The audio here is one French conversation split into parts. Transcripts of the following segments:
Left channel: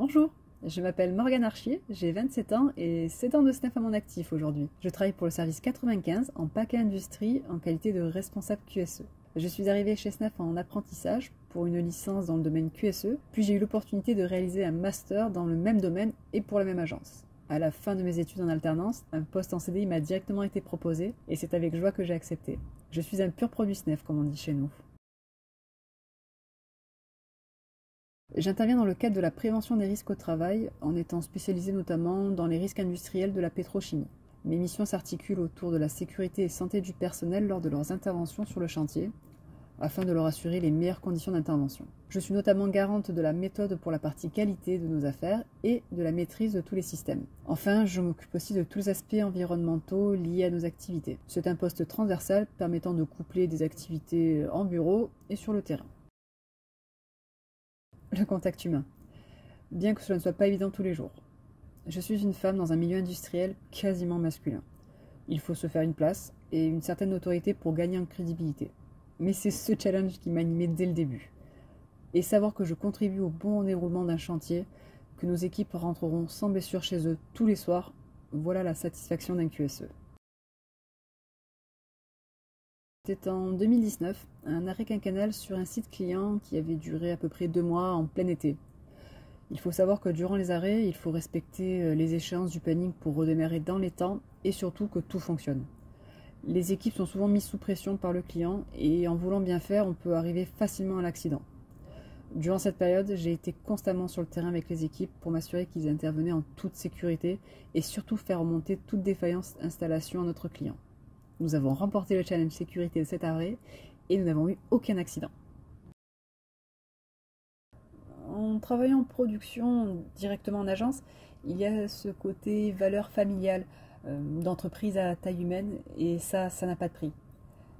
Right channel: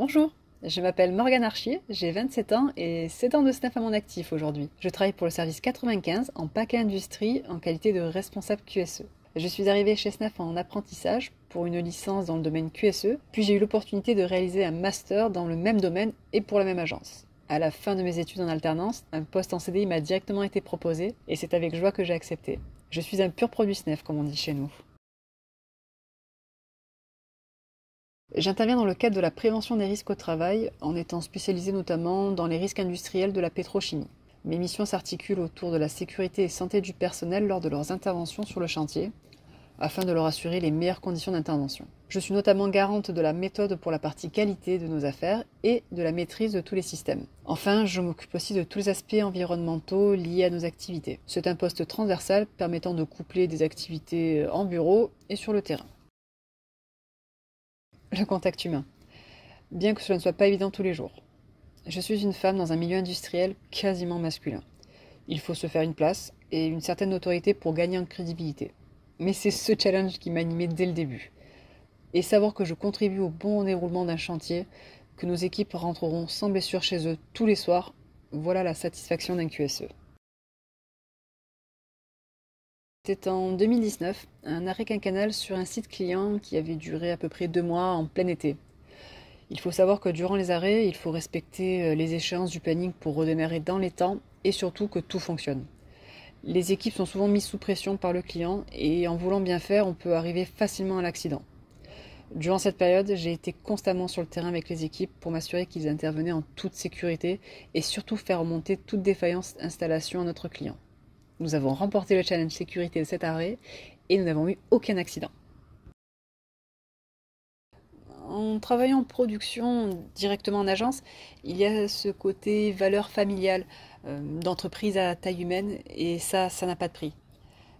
Bonjour, je m'appelle Morgane Archier, j'ai 27 ans et 7 ans de SNAF à mon actif aujourd'hui. Je travaille pour le service 95 en paquet industrie en qualité de responsable QSE. Je suis arrivée chez SNAF en apprentissage pour une licence dans le domaine QSE, puis j'ai eu l'opportunité de réaliser un master dans le même domaine et pour la même agence. À la fin de mes études en alternance, un poste en CDI m'a directement été proposé et c'est avec joie que j'ai accepté. Je suis un pur produit SNAF comme on dit chez nous. J'interviens dans le cadre de la prévention des risques au travail, en étant spécialisée notamment dans les risques industriels de la pétrochimie. Mes missions s'articulent autour de la sécurité et santé du personnel lors de leurs interventions sur le chantier, afin de leur assurer les meilleures conditions d'intervention. Je suis notamment garante de la méthode pour la partie qualité de nos affaires et de la maîtrise de tous les systèmes. Enfin, je m'occupe aussi de tous les aspects environnementaux liés à nos activités. C'est un poste transversal permettant de coupler des activités en bureau et sur le terrain. Le contact humain, bien que cela ne soit pas évident tous les jours. Je suis une femme dans un milieu industriel quasiment masculin. Il faut se faire une place et une certaine autorité pour gagner en crédibilité. Mais c'est ce challenge qui m'a animée dès le début. Et savoir que je contribue au bon déroulement d'un chantier, que nos équipes rentreront sans blessure chez eux tous les soirs, voilà la satisfaction d'un QSE. C'était en 2019, un arrêt quinquennal sur un site client qui avait duré à peu près 2 mois en plein été. Il faut savoir que durant les arrêts, il faut respecter les échéances du planning pour redémarrer dans les temps et surtout que tout fonctionne. Les équipes sont souvent mises sous pression par le client et en voulant bien faire, on peut arriver facilement à l'accident. Durant cette période, j'ai été constamment sur le terrain avec les équipes pour m'assurer qu'ils intervenaient en toute sécurité et surtout faire remonter toute défaillance d'installation à notre client. Nous avons remporté le challenge sécurité de cet arrêt et nous n'avons eu aucun accident. En travaillant en production directement en agence, il y a ce côté valeur familiale, d'entreprise à taille humaine, et ça n'a pas de prix.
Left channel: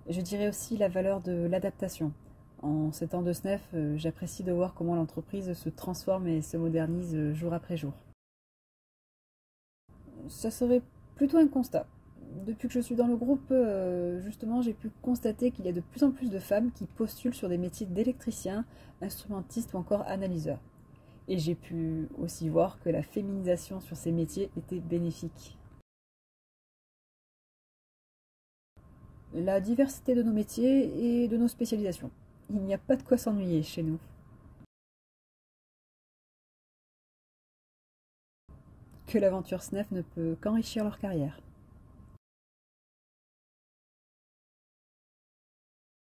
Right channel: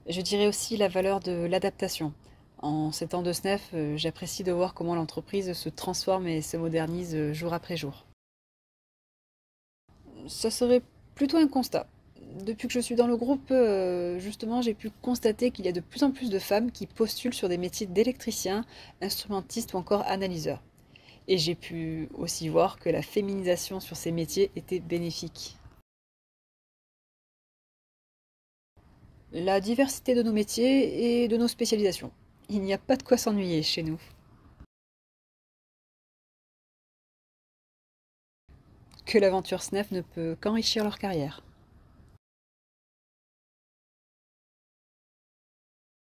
Je dirais aussi la valeur de l'adaptation. En 7 ans de SNEF, j'apprécie de voir comment l'entreprise se transforme et se modernise jour après jour. Ça serait plutôt un constat. Depuis que je suis dans le groupe, justement, j'ai pu constater qu'il y a de plus en plus de femmes qui postulent sur des métiers d'électricien, instrumentiste ou encore analyseur. Et j'ai pu aussi voir que la féminisation sur ces métiers était bénéfique. La diversité de nos métiers et de nos spécialisations. Il n'y a pas de quoi s'ennuyer chez nous. Que l'aventure SNEF ne peut qu'enrichir leur carrière.